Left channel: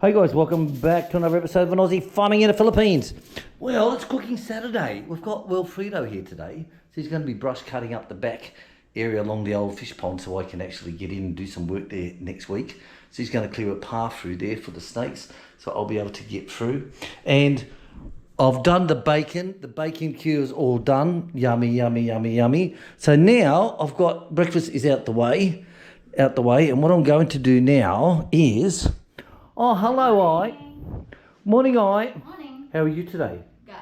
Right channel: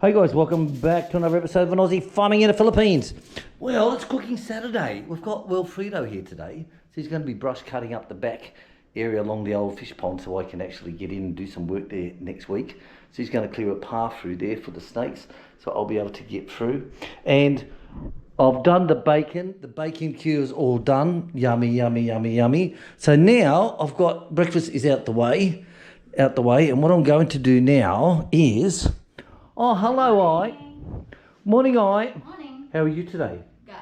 Hey guys, welcome back to another episode of an Aussie farming in the Philippines. Well, it's cooking Saturday. We've got Wilfredo here today. So he's going to be brush cutting up the back area along the old fish pond so I can actually get in and do some work there next week. So he's going to clear a path through there for the snakes so I'll be able to get through. And I've done the bacon. The bacon cure is all done. Yummy, yummy, yummy, yummy. So now I've got breakfast is out the way. And what I'm going to do now is... Oh, hello, I. Morning, I. Morning. How are you today? Good.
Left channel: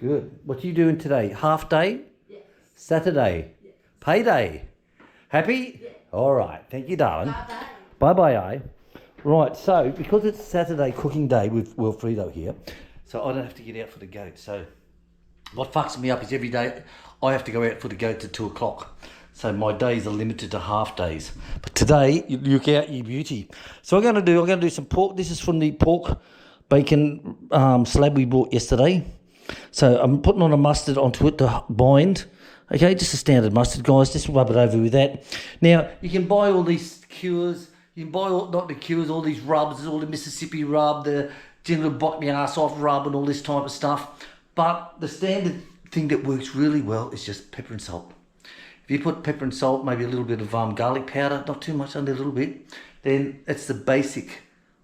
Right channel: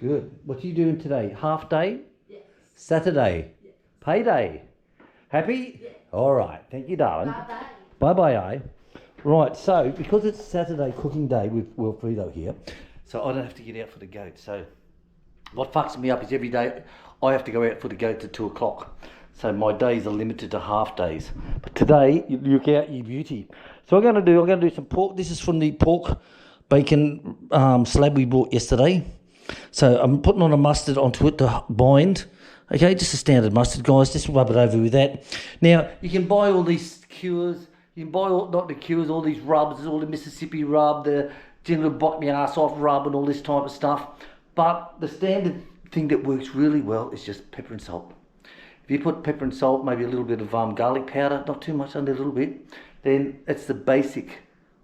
Good. What are you doing today? Half day? Yes. Saturday? Yes. Payday? Happy? Yes. All right. Thank you, darling. Bye-bye. Bye-bye, I. Right, so because it's Saturday cooking day with Wilfredo here, so I don't have to get out for the goat. So what fucks me up is every day I have to go out for the goat at 2 o'clock. So my days are limited to half days. But today, you look out, you beauty. So I'm going to do some pork. This is from the pork bacon slab we bought yesterday. So I'm putting on a mustard onto it to bind. Okay, just a standard mustard, guys. Just rub it over with that. Now, you can buy all these cures. You can buy, not the cures, all these rubs, all the Mississippi rub, the general bite me ass off rub and all this type of stuff. But the standard thing that works really well is just pepper and salt. If you put pepper and salt, maybe a little bit of garlic powder, not too much, only a little bit, then it's the basic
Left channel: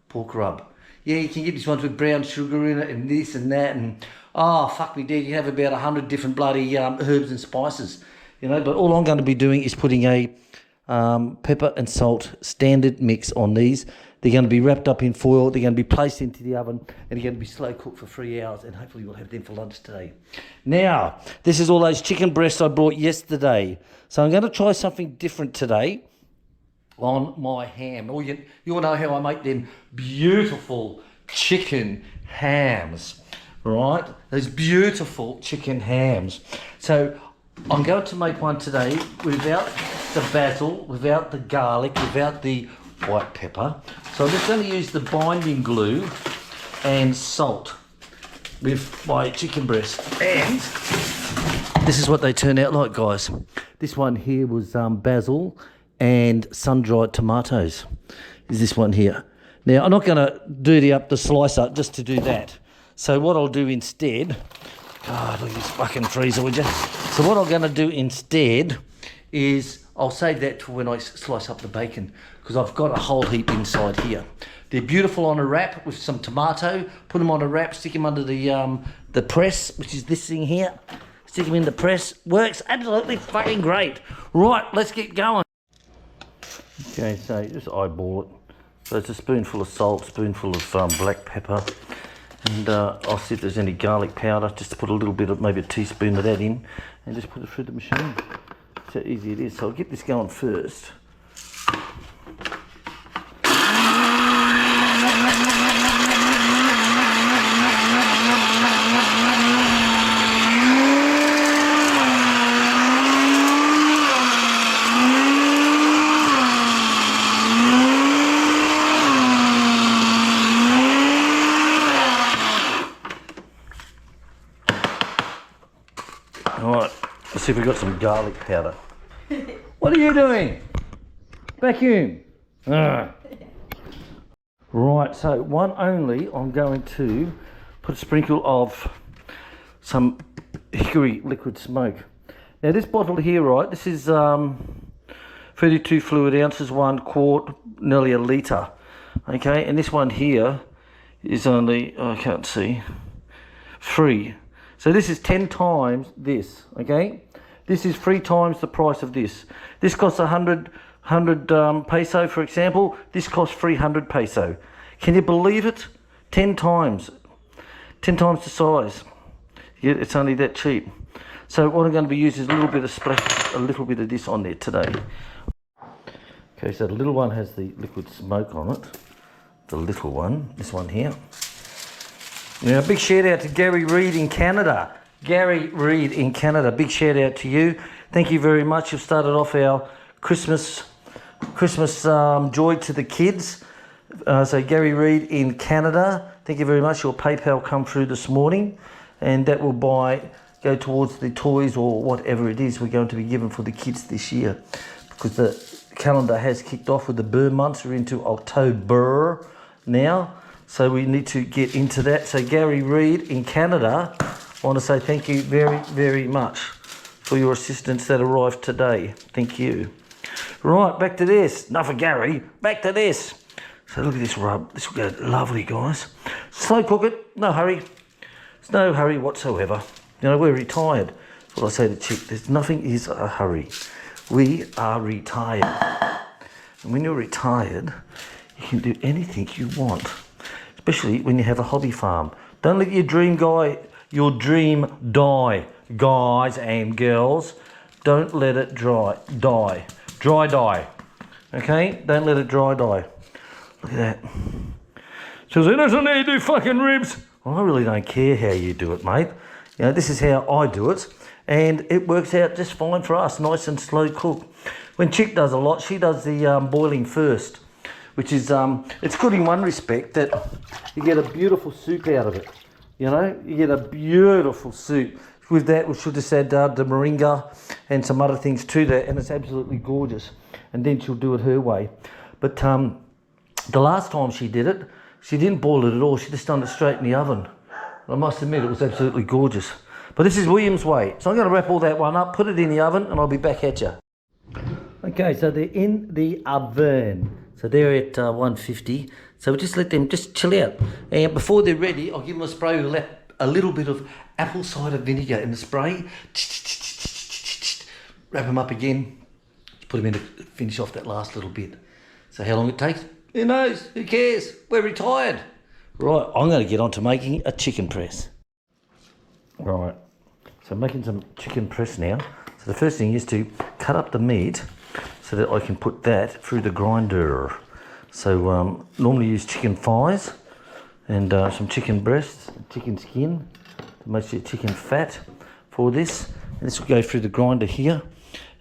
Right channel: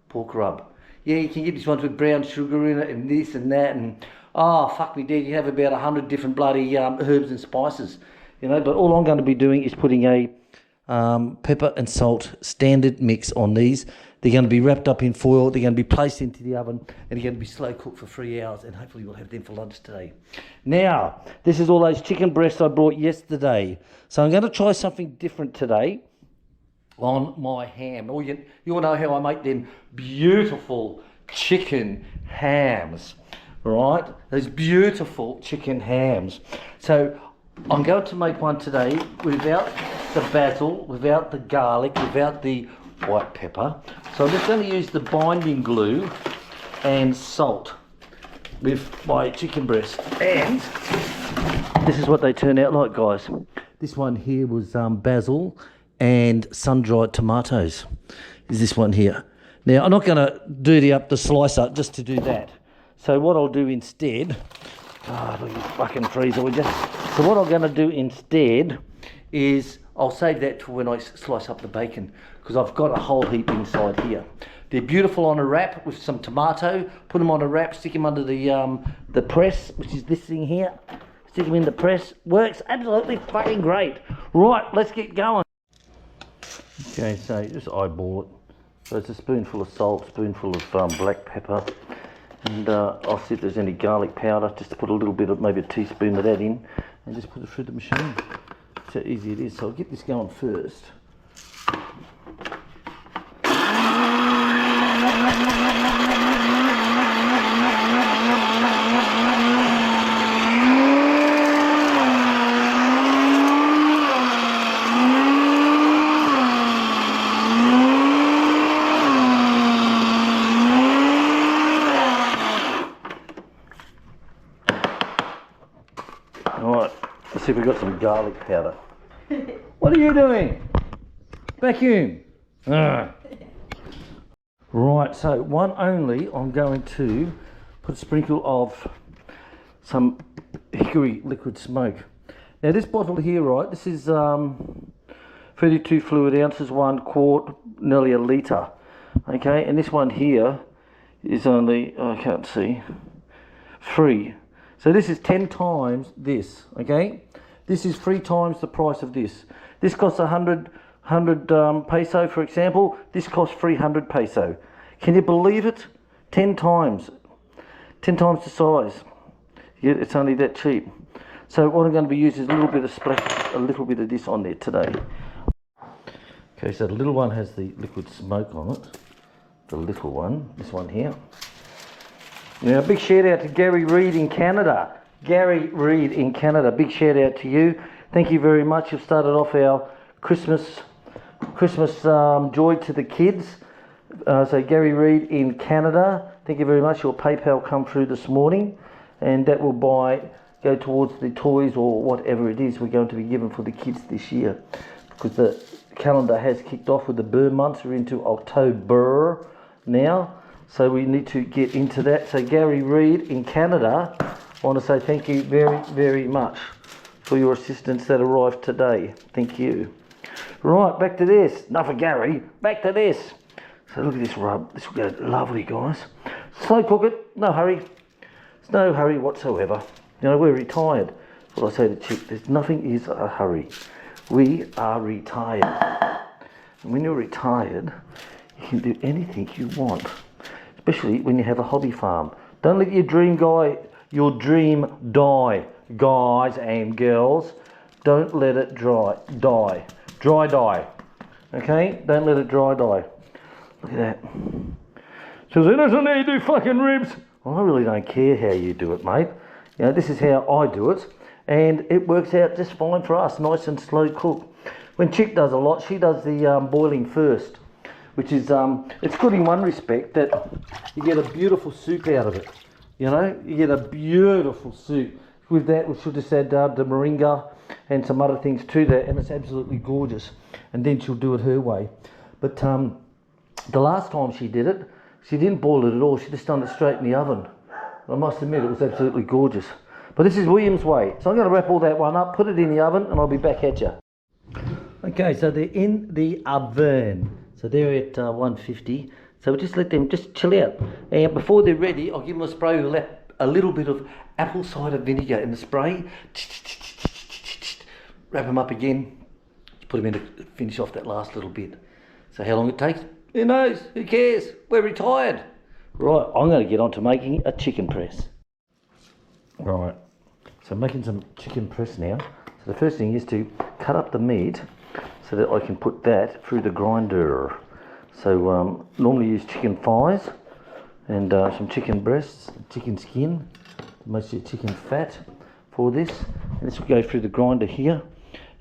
pork rub. Yeah, you can get these ones with brown sugar in it and this and that, and oh, fuck me dead, you have about 100 different bloody herbs and spices, you know, but all I'm going to be doing is putting a pepper and salt standard mix on these. They're going to be wrapped up in foil, they're going to be placed into the oven, and they're going to be slow cooked for 3 hours, and hopefully we'll have them for lunch today. Now, this is all those chicken breasts I brought yesterday. So I'm going to try something different today on my ham. Or you all know how I make them beautiful chicken hams, right? Those beautiful chicken hams. So I'm going to make one today without the basil, without the garlic, without the white pepper. So I'm just going to use the binding glue and salt with my chicken breast. And this is what they turn out like, guys. This one here was basil and sun-dried tomatoes. Is this one here. Now, I'm not going to dirty up the slicer just to do that. So what I'll do instead... God, look at this fucking freezer, would you? So what I'm going to do instead is I'll save that for when I slice up the bacon, because I've got a whole heap inside here. They're beautiful on a wrap with some tomato. Put them on a wrap, stick them under the press, which is this thing here. Stick them in the press. Works absolutely fucking great. Right, let's get going. Okay, so just eyeball it. So it's a spoonful of salt, spoonful of black pepper. And I'll see if there's any garlic powder, just to put a little bit of, maybe a teaspoon of that in, and just put it through the machine. That's how easy it is. So I'll get this going first. Alright, let's see if we've got some garlic powder. What are you doing? Vacuum. Right, so one only, I'm going to put a sprinkle of some hickory liquid smoke. Now this bottle here, right, this is 32 fluid ounces, 1 quart, nearly a litre. Okay, and this one here is only, oh, I can't see, 3. So this is 10 times this, okay? This is 3 times the price of this. This costs 100 peso, for example. This costs 300 peso. Can you believe it? 10 times. 10 times the size. Yeah, it's only that cheap. So what I'm going to be using is a little bit of splash, a little bit of this on there today. Okay, so the little one has the liquid smoke on it. The little one, this one here. Now, big shout out to Gary Reid in Canada. Gary Reid in Canada, big shout out to you. Thank you very much. You've started off our Christmas joy to the kids. So Gary Reid in Canada, thank you very much. Your PayPal come through this morning, and that will go towards the toys or whatever it is we're going to be given for the kids this year, because the calendar has kicked off with the burn months. We're into October now. So we need to get into that. So Gary Reid in Canada, I want to say thank you very, very much for your assistance that arrived today. Thank you. Right, back to this. Enough of Gary. Back to this. So look at this rub. This will go lovely, guys. Slow cook it. No hurry. There's no hurry whatsoever. You know, we're retired. That's what I say to Chick. There's nothing is a hurry. We are retired. And when you're retired, you can do anything you want. Especially when you have a hobby farm. Don't let your dream die, guys and girls. Don't let it die. Dry die. Okay? Don't let it dry die. Look at that. Says, he doesn't need to do fucking ribs. Well, I really don't care how you do it, mate. You know, this is how I do it. And it works out just fine for us. Nice and slow cook. When Chick does a lot, she does the boiling first. Which is, it's good in one respect that you get a beautiful soup out of it. You know, you get a beautiful soup. With that, we should just add the moringa and some other things to that, and it's absolutely gorgeous. And then she'll do it her way. But the last time she did it, she didn't boil it at all. She just done it straight in the oven. I must admit, it was absolutely gorgeous. But this is William's way. So I'm going to wrap all that one up, put it in the oven, and I'll be back at you. Okay, so they're in the oven. So they're at 150. So we just let them just chill out. And before they're ready, I'll give them a spray with a little bit of apple cider vinegar in the spray. Wrap them up again. Put them in to finish off that last little bit. So how long it takes? Who knows? Who cares? We're retired. Right, I'm going to get on to making a chicken press. Right, so I'm making some chicken press now. So the first thing is to cut up the meat so that I can put that through the grinder. So normally use chicken thighs and some chicken breasts, chicken skin, mostly chicken fat for this. And this will go through the grinder here,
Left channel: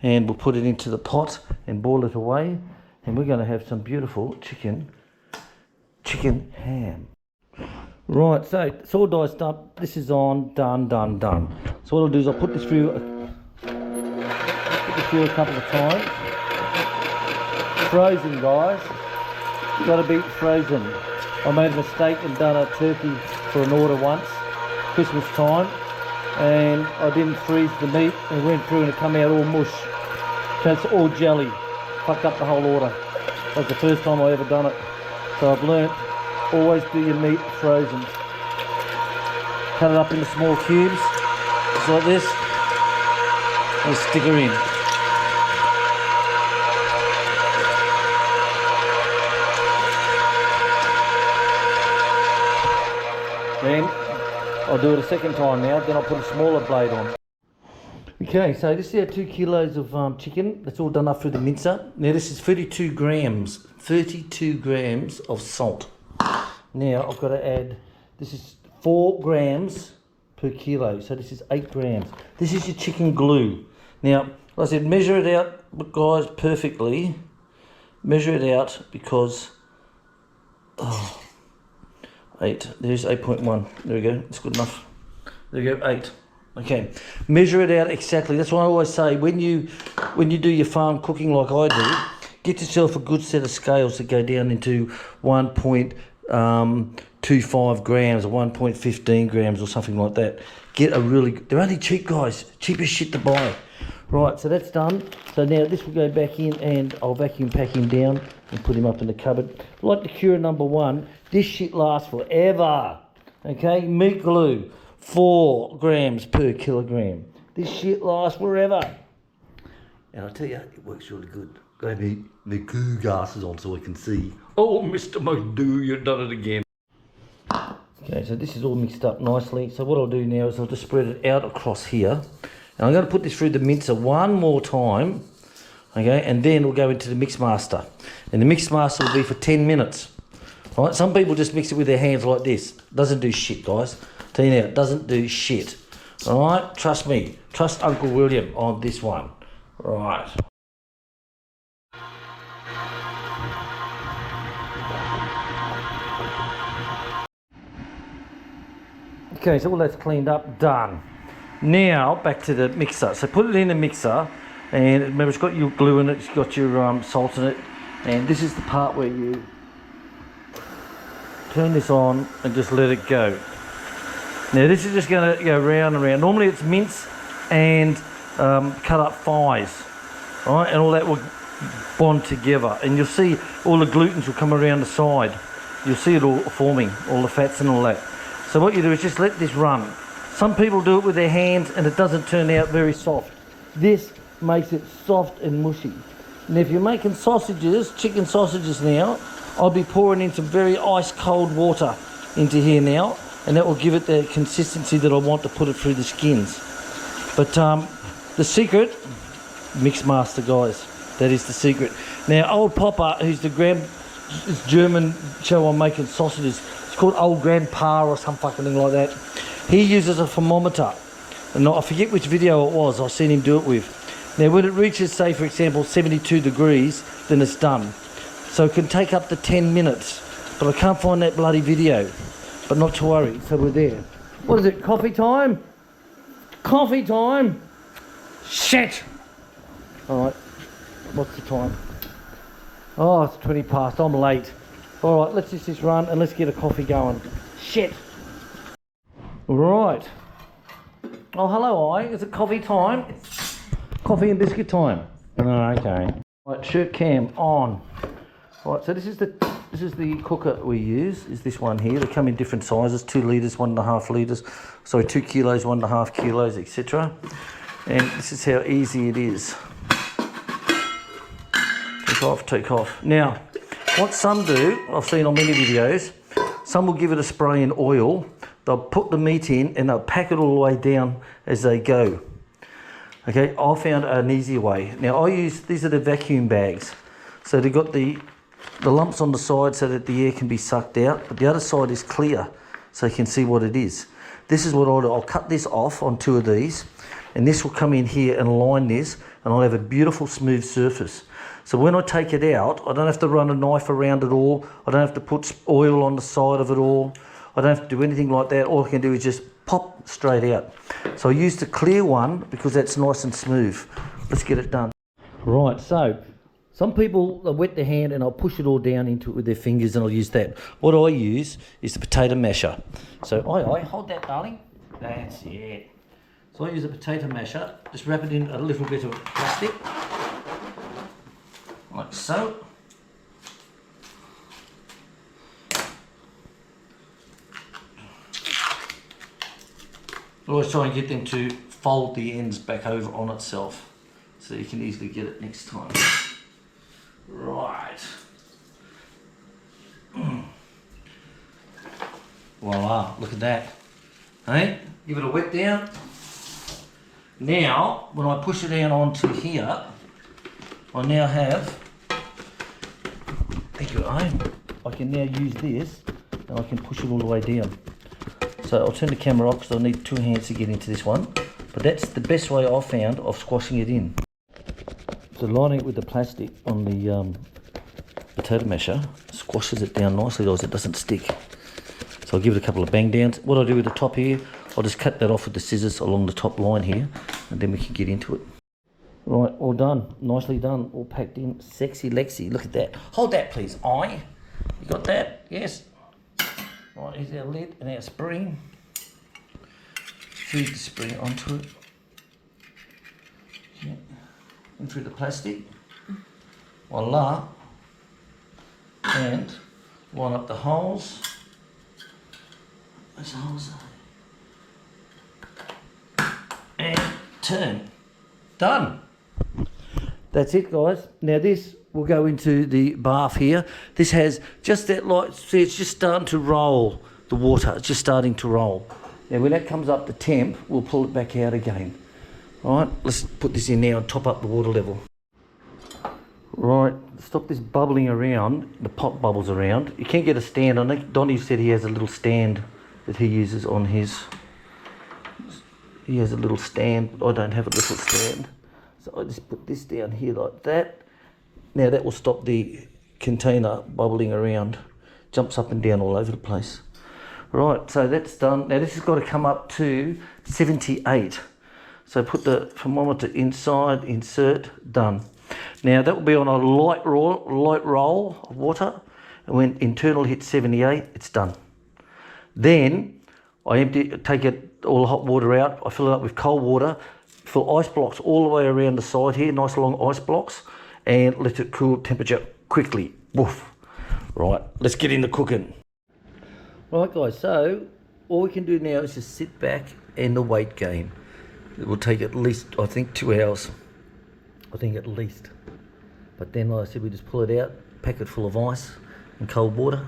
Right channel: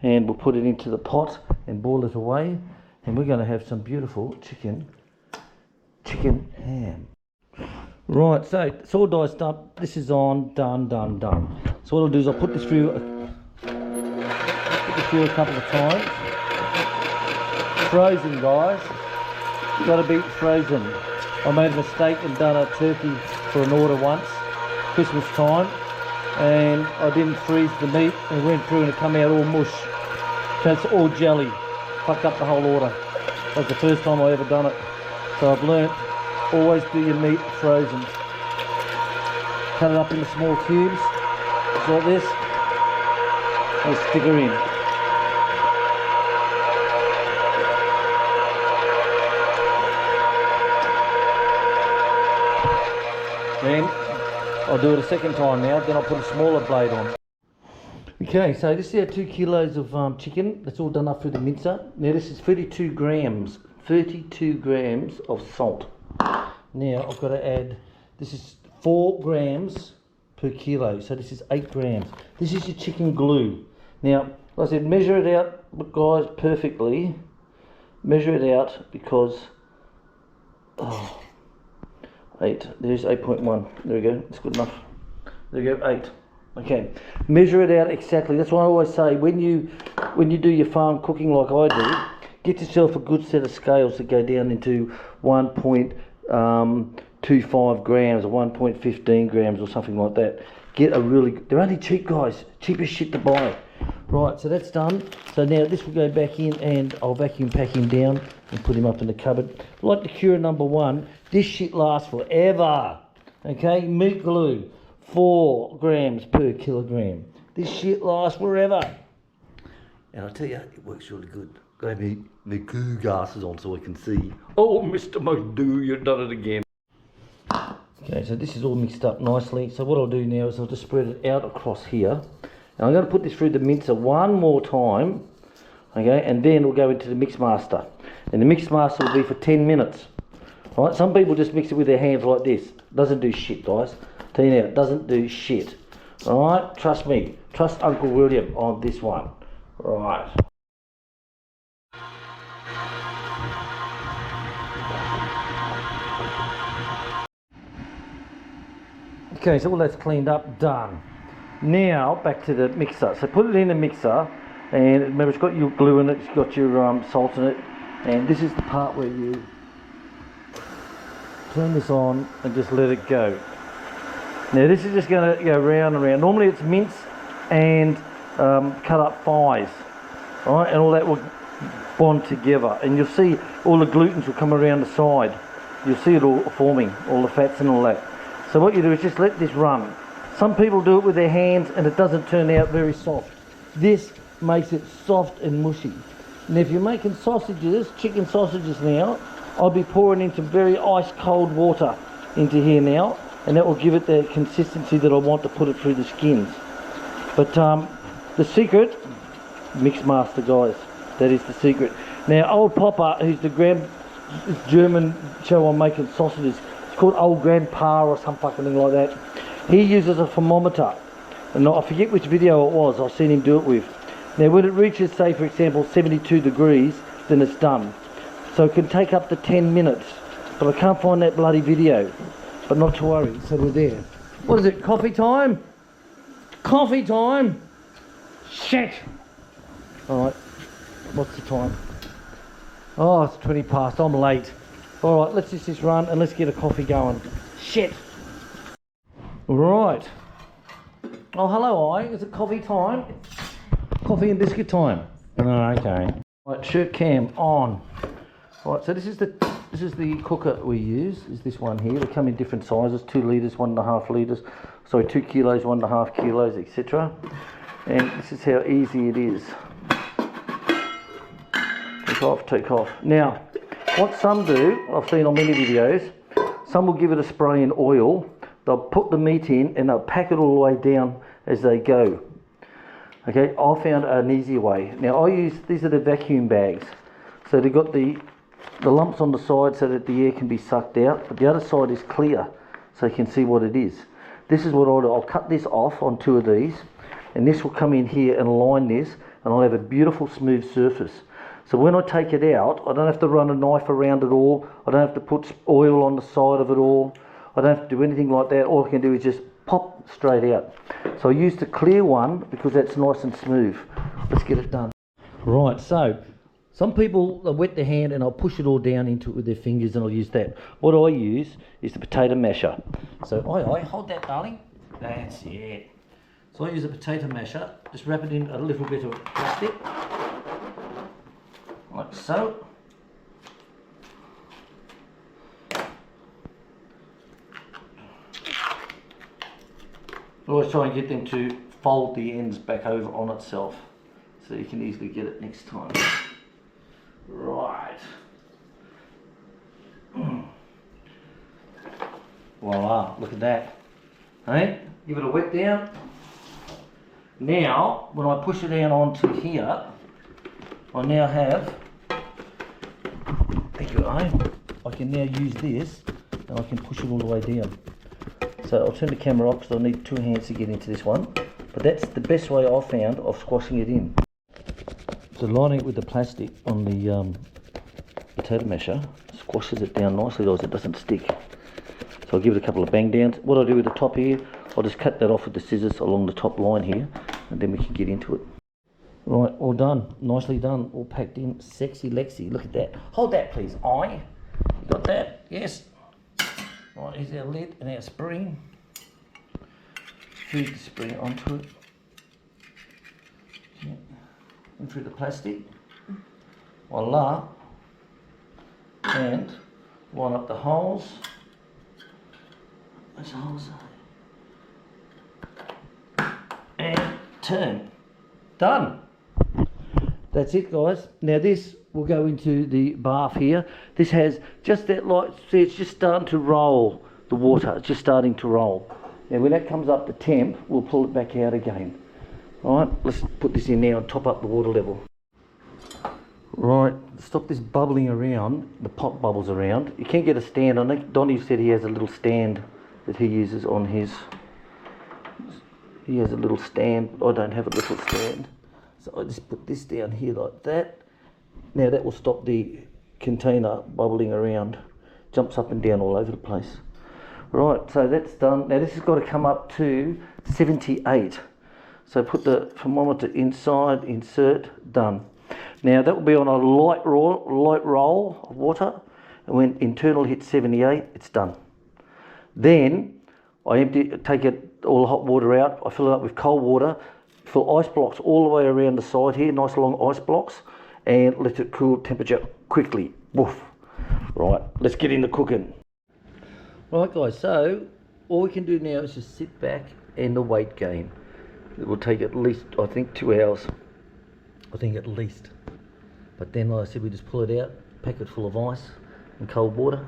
and we'll put it into the pot and boil it away. And we're going to have some beautiful chicken ham. Right, so it's all diced up. This is on, done. So what I'll do is I'll put this through a couple of times. Frozen, guys. Got to be frozen. I made a mistake and done a turkey for an order once, Christmas time, and I didn't freeze the meat and it went through and it come out all mush. So it's all jelly. Fucked up the whole order. That's the first time I ever done it. So I've learnt, always do your meat frozen. Cut it up into small cubes, just like this, and stick her in. Then I'll do it a second time now, then I'll put a smaller blade on. Okay, so this is our 2 kilos of chicken. That's all done up through the mincer. Now this is 32 grams of salt. Now I've got to add, this is 4 grams per kilo, so this is 8 grams. This is your chicken glue. Now, like I said, measure it out, guys, perfectly. Measure it out because, 8, there's 8.1, there we go, it's good enough. There we go, 8. Okay, measure it out exactly. That's why I always say, when you do your farm cooking like I do, get yourself a good set of scales that go down into 1.25 grams or 1.15 grams or something like that. Get a really, they're only cheap, guys, cheapest shit to buy. Right, so that's done. So now this will go back in and I'll vacuum pack him down and put him up in the cupboard. Like the Cura #1, this shit lasts forever. Okay, meat glue, 4 grams per kilogram. This shit lasts forever. And I'll tell you, it works really good. Got to have my goo glasses on so I can see. Oh, Mr. McDoo, you've done it again. Okay, so this is all mixed up nicely. So what I'll do now is I'll just spread it out across here. And I'm going to put this through the mincer one more time. Okay, and then we'll go into the mix master. And the mix master will be for 10 minutes. All right, some people just mix it with their hands like this. Doesn't do shit, guys. Tell you now, it doesn't do shit. All right, trust me. Trust Uncle William on this one. Right. Okay, so all that's cleaned up, done. Now, back to the mixer. So put it in the mixer, and remember it's got your glue in it, it's got your salt in it, and this is the part where you turn this on and just let it go. Now this is just going to go round and round. Normally it's mince and cut up thighs, right? And all that will bond together. And you'll see all the glutens will come around the side. You'll see it all forming, all the fats and all that. So what you do is just let this run. Some people do it with their hands and it doesn't turn out very soft. This makes it soft and mushy. And if you're making sausages, chicken sausages now, I'll be pouring in some very ice cold water into here now, and that will give it the consistency that I want to put it through the skins. But the secret, mix master guys, that is the secret. Now old Papa, who's the German show on making sausages, it's called Old Grandpa or some fucking thing like that. He uses a thermometer, and I forget which video it was, I've seen him do it with. Now when it reaches, say for example 72 degrees, then it's done. So it can take up to 10 minutes, but I can't find that bloody video. But not to worry, so we're there. What is it, coffee time? Coffee time? Shit! Alright, what's the time? Oh, it's 20 past, I'm late. Alright, let's just run and let's get a coffee going. Shit! Right. Oh, hello, is it coffee time? Coffee and biscuit time. Oh, okay. Right, shirt cam on. Right, so this is the cooker we use, is this one here. They come in different sizes, 2 litres, 1.5 litres, sorry, 2 kilos, 1.5 kilos, etc. And this is how easy it is. Take off. Now, what some do, I've seen on many videos, some will give it a spray in oil, they'll put the meat in and they'll pack it all the way down as they go. Okay, I found an easy way. Now these are the vacuum bags. So they've got the lumps on the side so that the air can be sucked out, but the other side is clear so you can see what it is. This is what I'll do. I'll cut this off on 2 of these, and this will come in here and line this, and I'll have a beautiful smooth surface. So when I take it out, I don't have to run a knife around it all. I don't have to put oil on the side of it all. I don't have to do anything like that. All I can do is just pop straight out. So I use the clear one because that's nice and smooth. Let's get it done. Right, so some people wet their hand and I'll push it all down into it with their fingers, and I'll use that. What I use is the potato masher. So I hold that, darling. That's it. So I use a potato masher, just wrap it in a little bit of plastic, like so. I always try and get them to fold the ends back over on itself so you can easily get it next time. Right. Voila, look at that. Hey, give it a wet down. Now, when I push it down onto here, I now have, there you go, I can now use this and I can push it all the way down. So I'll turn the camera off because I'll need 2 hands to get into this one. But that's the best way I've found of squashing it in. So lining it with the plastic on the potato masher squashes it down nicely, guys, it doesn't stick. So I'll give it a couple of bang downs. What I do with the top here, I'll just cut that off with the scissors along the top line here, and then we can get into it. Right, all done, nicely done, all packed in, sexy Lexi, look at that. Hold that please, you got that? Yes. Right, here's our lid and our spring. Feed the spring onto it. Yeah. And through the plastic. Voila. And line up the holes. Those holes are. And turn. Done. That's it, guys. Now this will go into the bath here. This has just that light, see, it's just starting to roll, the water, it's just starting to roll. Now when that comes up to temp, we'll pull it back out again. All right, let's put this in now and top up the water level. Right, stop this bubbling around, the pot bubbles around. You can't get a stand on it. Donnie said he has a little stand that he uses on his, he has a little stand, but I don't have a little stand. So I just put this down here like that. Now that will stop the container bubbling around, jumps up and down all over the place. Right, so that's done. Now this has got to come up to 78. So put the thermometer inside, insert, done. Now that will be on a light roll of water, and when internal hits 78, it's done. Then I take all the hot water out, I fill it up with cold water, fill ice blocks all the way around the side here, nice long ice blocks, and let it cool temperature quickly. Woof. Right, let's get into cooking. Right guys, so all we can do now is just sit back and the weight gain. It will take at least, I think, 2 hours. I think at least. But then, like I said, we just pull it out, pack it full of ice and cold water.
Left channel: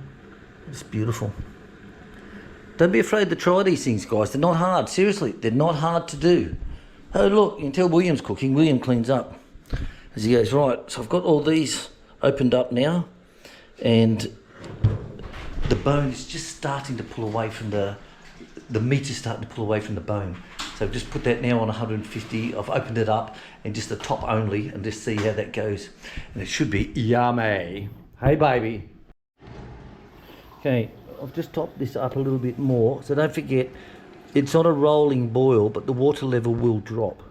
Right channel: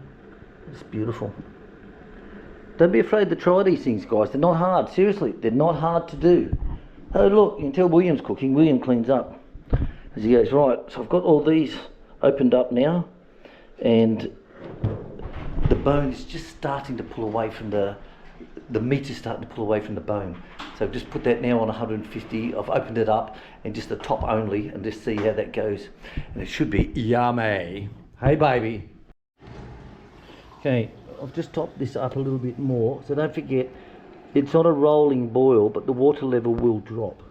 It's beautiful. Don't be afraid to try these things, guys. They're not hard. Seriously, they're not hard to do. Oh, look, you can tell William's cooking. William cleans up as he goes. Right, so I've got all these opened up now, and the bone is just starting to pull away from the meat is starting to pull away from the bone. So I've just put that now on 150. I've opened it up and just the top only, and just see how that goes. And it should be yummy. Hey, baby. Okay, I've just topped this up a little bit more. So don't forget, it's not a rolling boil, but the water level will drop.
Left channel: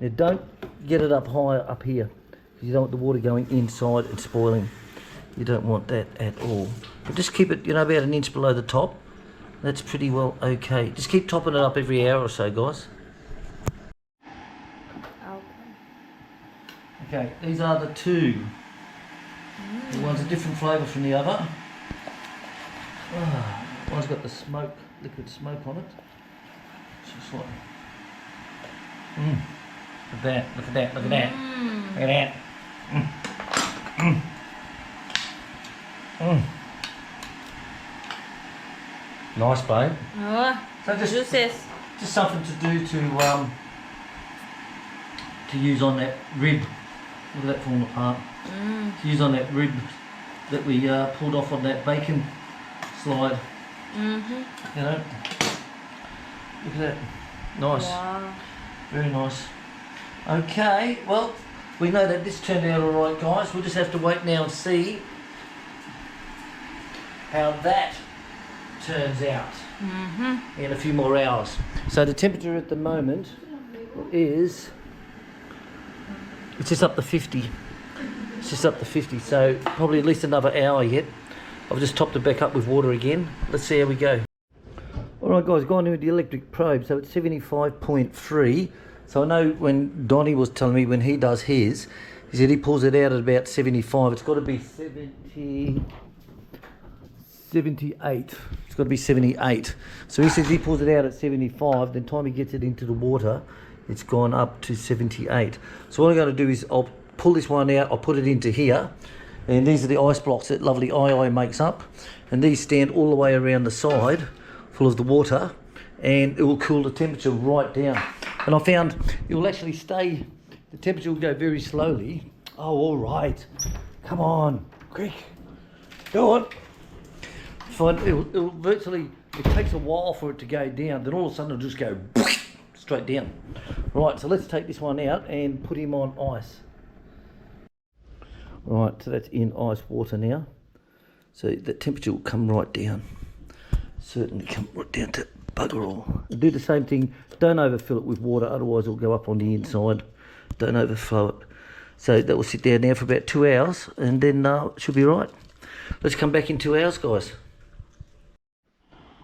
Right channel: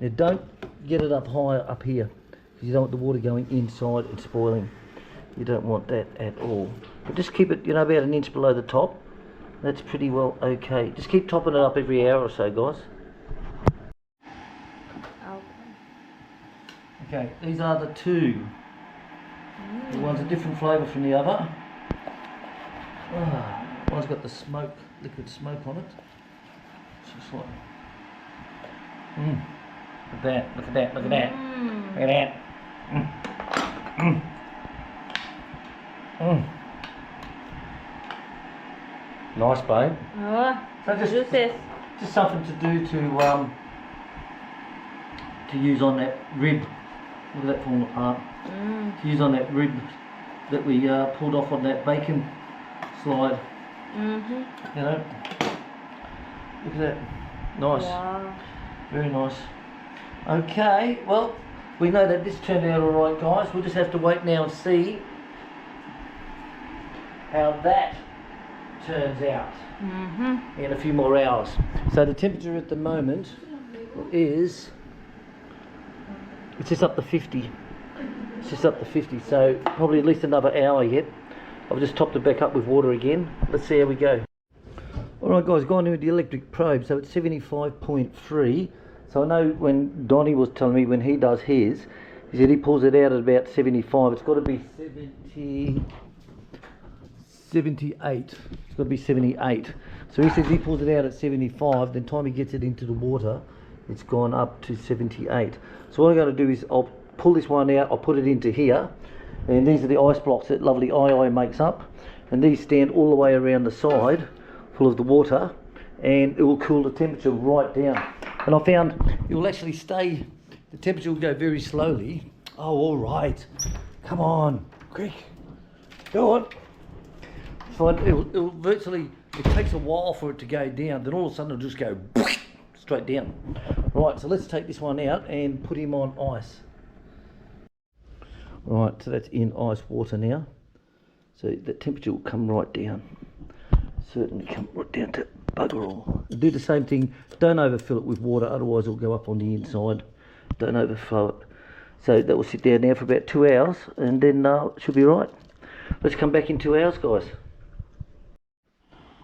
Now don't get it up higher up here, because you don't want the water going inside and spoiling. You don't want that at all. But just keep it, about an inch below the top. That's pretty well okay. Just keep topping it up every hour or so, guys. Okay, these are the two. The one's a different flavour from the other. One's got the smoke, liquid smoke on it. It's just like, look at that, look at that, look at that, look at that. Nice, babe. So just something to do to use on that rib. Look at that falling apart. To use on that rib that we pulled off on that bacon slide. Look at that. Nice. Wow. Very nice. Okay, well, we know that this turned out alright, guys. We'll just have to wait now and see how that turns out in a few more hours. So the temperature at the moment is, it's just up to 50. It's just up to 50, so probably at least another hour yet. I've just topped it back up with water again. Let's see how we go. Alright guys, gone in with the electric probe, so it's 75.3. So I know when Donnie was telling me when he does his, he said he pulls it out at about 75. It's got to be 78. It's got to be 78. So he says he pulls it out at 75, then time he gets it into the water, it's gone up to 78. So what I'm going to do is I'll pull this one out, I'll put it into here, and these are the ice blocks that lovely II makes up, and these stand all the way around the side full of the water, and it will cool the temperature right down. And I found it will actually stay, the temperature will go very slowly. Oh, all right, come on, quick, go on. Find it'll virtually, it takes a while for it to go down, then all of a sudden it'll just go straight down. Right, so let's take this one out and put him on ice. Right, so that's in ice water now. So the temperature will come right down. Certainly come right down to bugger all. Do the same thing, don't overfill it with water, otherwise it'll go up on the inside. Don't overflow it. So that will sit there now for about 2 hours, and then it should be right. Let's come back in 2 hours, guys.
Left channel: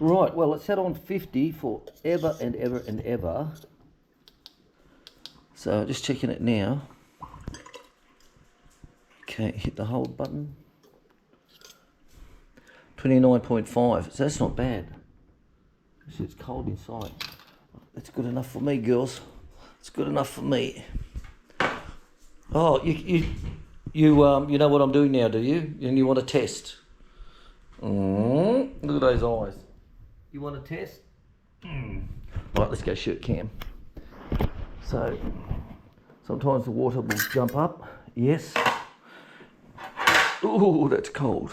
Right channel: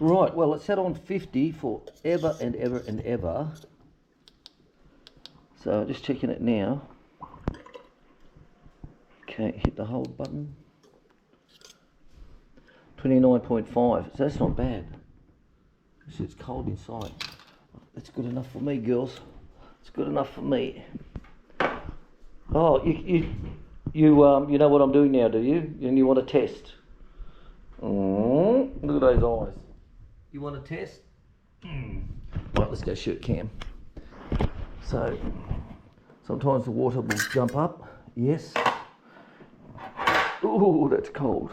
Right, well, it's set on 50 for ever and ever and ever. So just checking it now. Okay, hit the hold button. 29.5, so that's not bad. It's cold inside. That's good enough for me, girls. It's good enough for me. Oh, you know what I'm doing now, do you? And you want to test? Look at those eyes. You want to test? Right, let's go shoot cam. So, sometimes the water will jump up. Yes. Ooh, that's cold.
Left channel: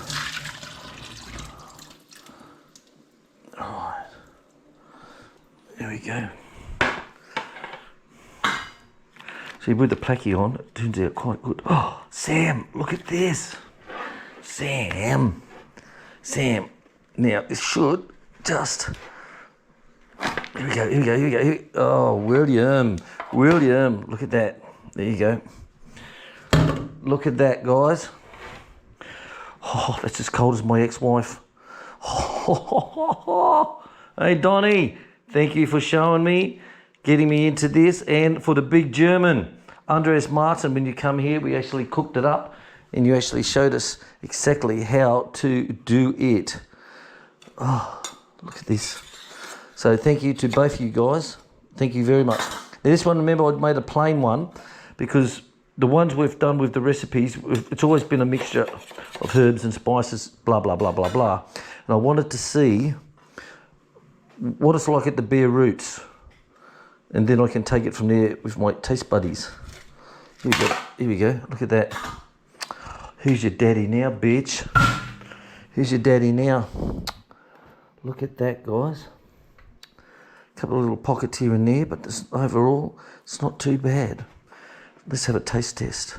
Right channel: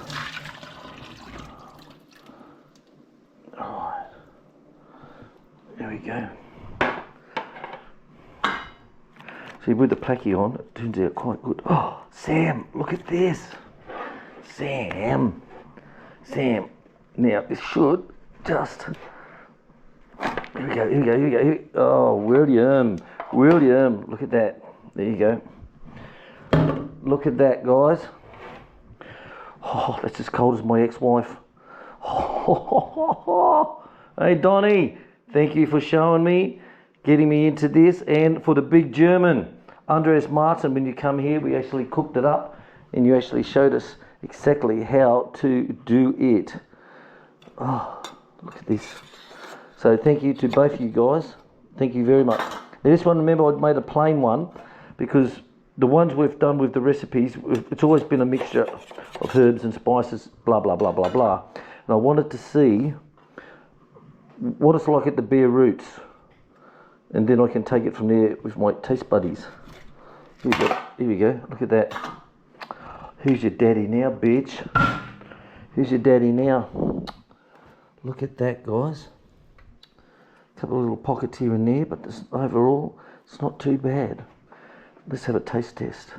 Alright. There we go. See, with the placky on, it turns out quite good. Oh, Sam, look at this. Sam. Now, this should just... Here we go. Oh, William, look at that. There you go. Look at that, guys. Oh, that's as cold as my ex-wife. Hey, Donnie, thank you for showing me, getting me into this. And for the big German, Andres Martin, when you come here, we actually cooked it up and you actually showed us exactly how to do it. Oh, look at this. So thank you to both of you guys. Thank you very much. Now this one, remember, I made a plain one because the ones we've done with the recipes, it's always been a mixture of herbs and spices, blah, blah, blah, blah, blah. And I wanted to see what it's like at the bare roots. And then I can take it from there with my taste buddies. Here we go. Here we go. Look at that. Who's your daddy now, bitch? Who's your daddy now? Look at that, guys. A couple of little pockets here and there, but overall, it's not too bad. Let's have a taste test.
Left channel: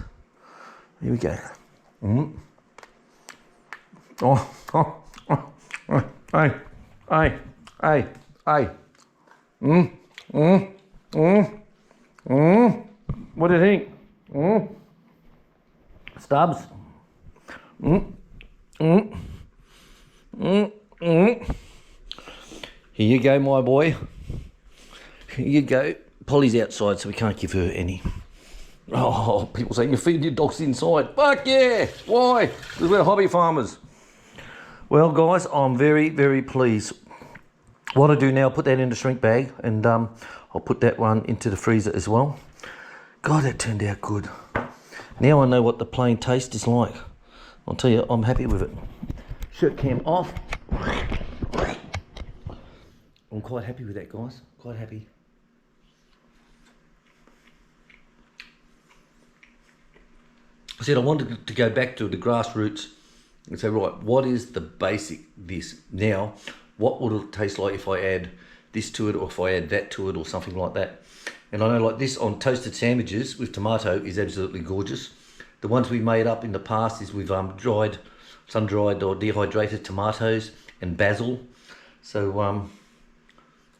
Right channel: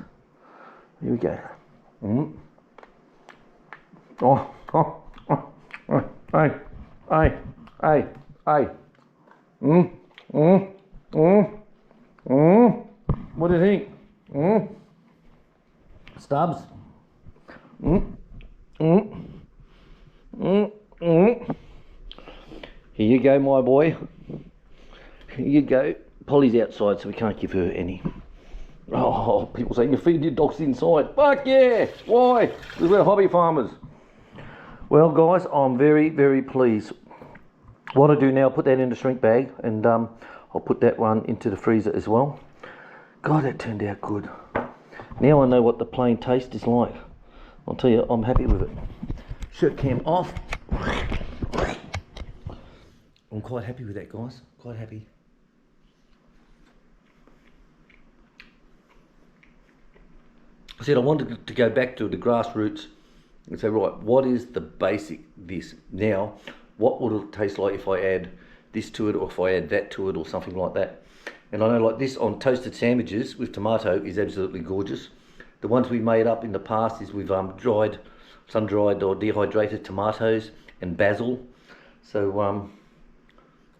Here we go. Hey. What do you think? Stubbs? Here you go, my boy. Here you go. Polly's outside, so we can't give her any. Oh, people saying you're feeding your dogs inside. Fuck yeah! Why? Because we're hobby farmers. Well, guys, I'm very, very pleased. What I do now, put that in the shrink bag, and I'll put that one into the freezer as well. God, that turned out good. Now I know what the plain taste is like. I'll tell you, I'm happy with it. Shirt cam off. I'm quite happy with that, guys. Quite happy. I said I wanted to go back to the grassroots and say, right, what is the basic this? Now, what would it taste like if I add this to it, or if I add that to it, or something like that? And I know, like this on toasted sandwiches with tomato is absolutely gorgeous. The ones we made up in the past is with sun-dried or dehydrated tomatoes and basil. So I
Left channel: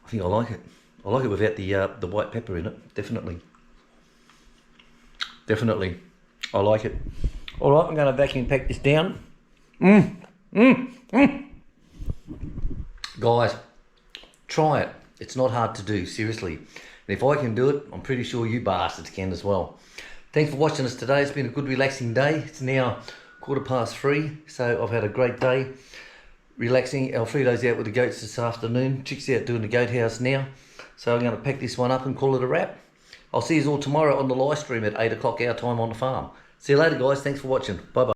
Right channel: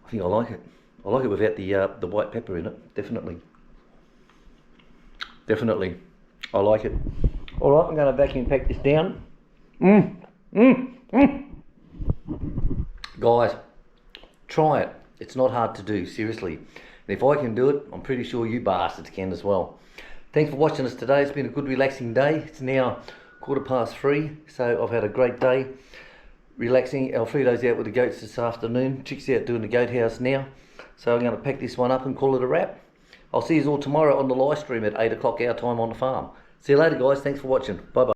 think I like it. I like it without the white pepper in it. Definitely. Definitely. I like it. All right, I'm going to vacuum pack this down. Guys, try it. It's not hard to do, seriously. And if I can do it, I'm pretty sure you bastards can as well. Thanks for watching us today. It's been a good relaxing day. It's now 3:15, so I've had a great day relaxing. Alfredo's out with the goats this afternoon. Chick's out doing the goat house now. So I'm going to pack this one up and call it a wrap. I'll see you all tomorrow on the live stream at 8 o'clock our time on the farm. See you later, guys. Thanks for watching. Bye-bye.